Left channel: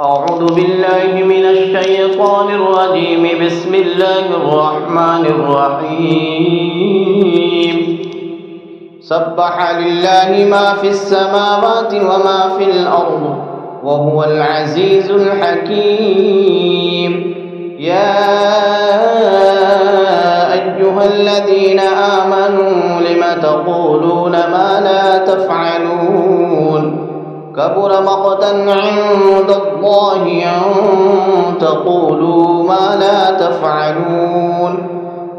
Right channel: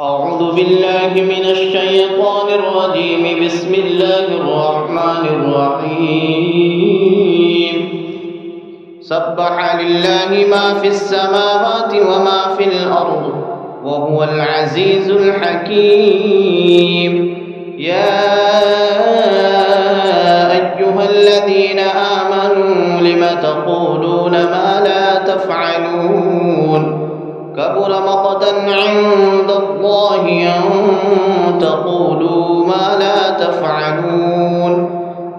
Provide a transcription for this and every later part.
أعوذ بالله من الشيطان الرجيم. بسم الله الرحمن الرحيم. سبح لله ما في السماوات وما في الأرض وهو العزيز الحكيم. يا أيها الذين آمنوا لم تقولون ما لا تفعلون؟ كبر مقتا عند الله أن تقولوا ما لا تفعلون.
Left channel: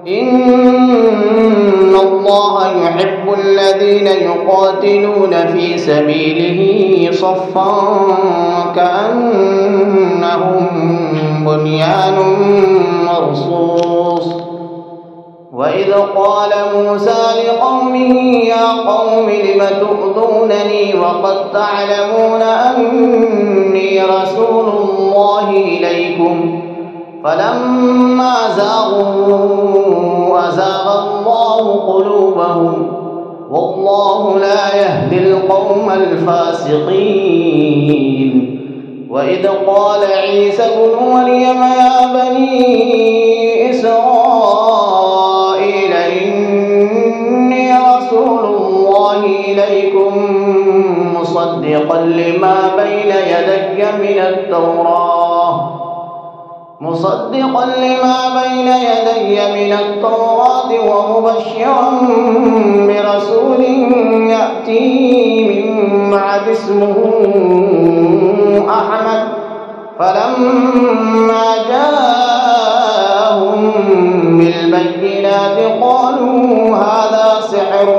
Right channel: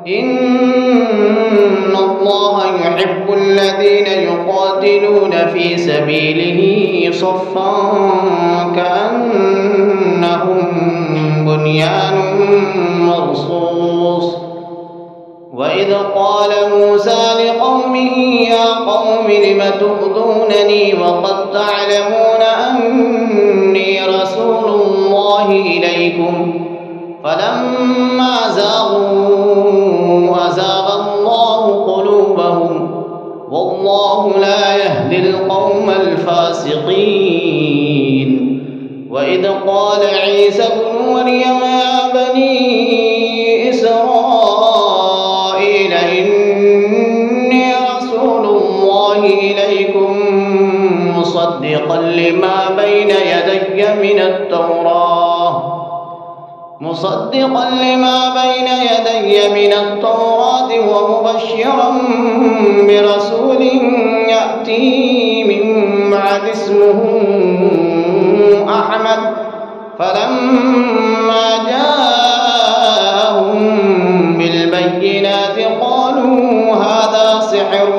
إن الله يحب الذين يقاتلون في سبيله صفا كأنهم بنيان مرصوص. وإذ قال موسى لقومه يا قوم لم تؤذونني وقد تعلمون أني رسول الله إليكم فلما زاغوا أزاغ الله قلوبهم والله لا يهدي القوم الفاسقين. وإذ قال عيسى ابن مريم يا بني إسرائيل إني رسول الله إليكم مصدقا لما بين يدي من التوراة ومبشرا برسول يأتي من بعد اسمه أحمد. فلما جاءهم بالبينات قالوا هذا سحر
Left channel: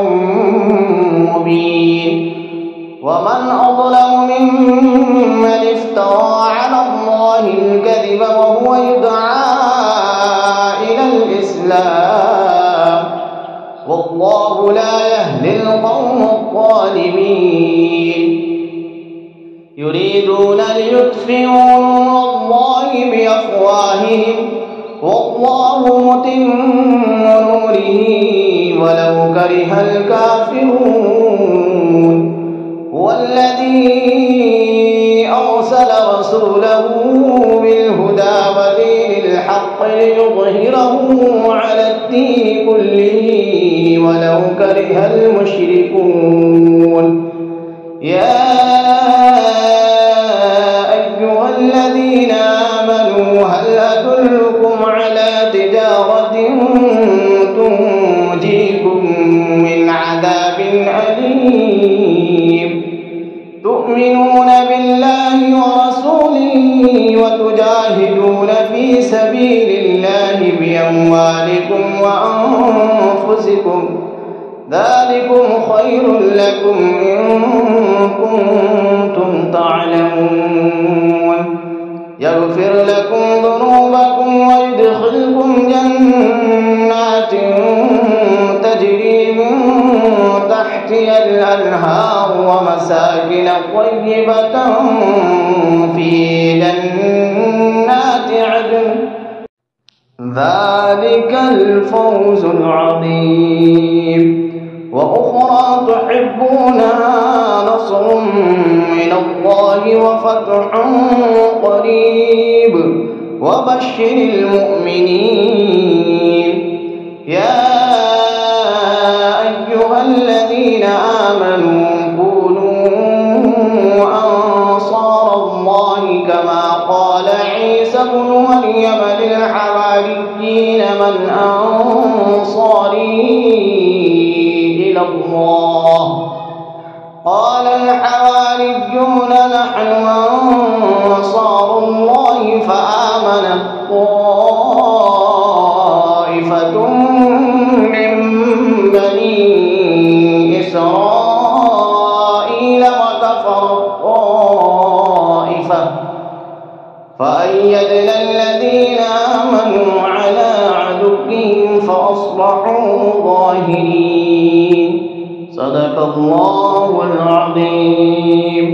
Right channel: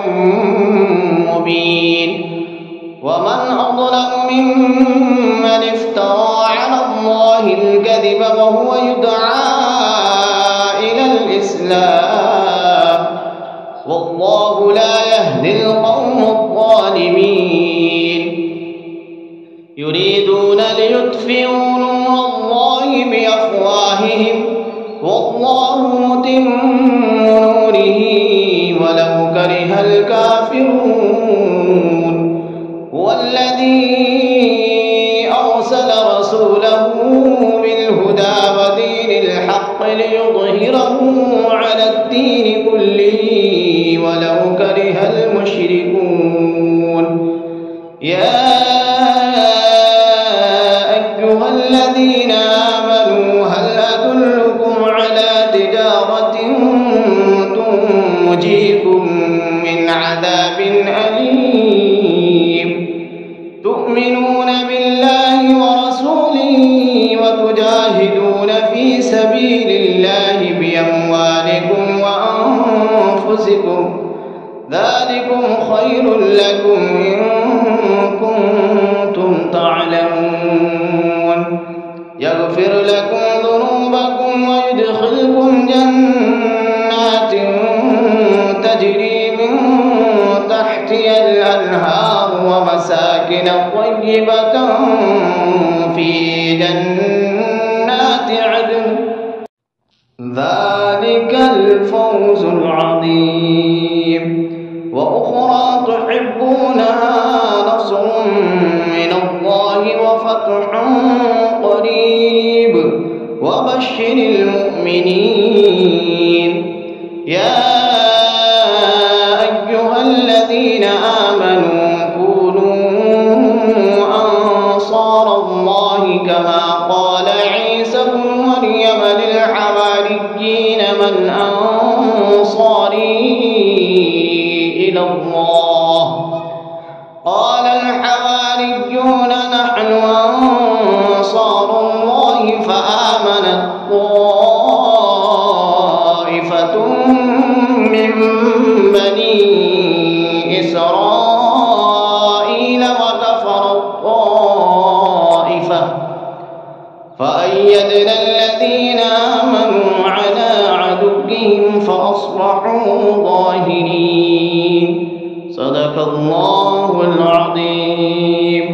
مبين. ومن أظلم ممن افترى على الله الكذب وهو يدعى إلى الإسلام والله لا يهدي القوم الظالمين. يريدون ليطفئوا نور الله بأفواههم والله متم نوره ولو كره الكافرون. هو الذي أرسل رسوله بالهدى ودين الحق ليظهره على الدين كله ولو كره المشركون. يا أيها الذين آمنوا هل أدلكم على تجارة تنجيكم من عذاب أليم؟ تؤمنون بالله ورسوله وتجاهدون في سبيل الله بأموالكم وأنفسكم ذلكم خير لكم إن كنتم تعلمون. يغفر لكم ذنوبكم ويدخلكم جنات تجري من تحتها الأنهار ومساكن طيبة في جنات عدن ذلك الفوز العظيم. وأخرى تحبونها نصر من الله وفتح قريب وبشر المؤمنين. يا أيها الذين آمنوا كونوا أنصار الله كما قال عيسى ابن مريم للحواريين من أنصاري إلى الله؟ قال الحواريون نحن أنصار الله. فآمنت طائفة من بني إسرائيل وكفرت طائفة فأيدنا الذين آمنوا على عدوهم فأصبحوا ظاهرين. صدق الله العظيم.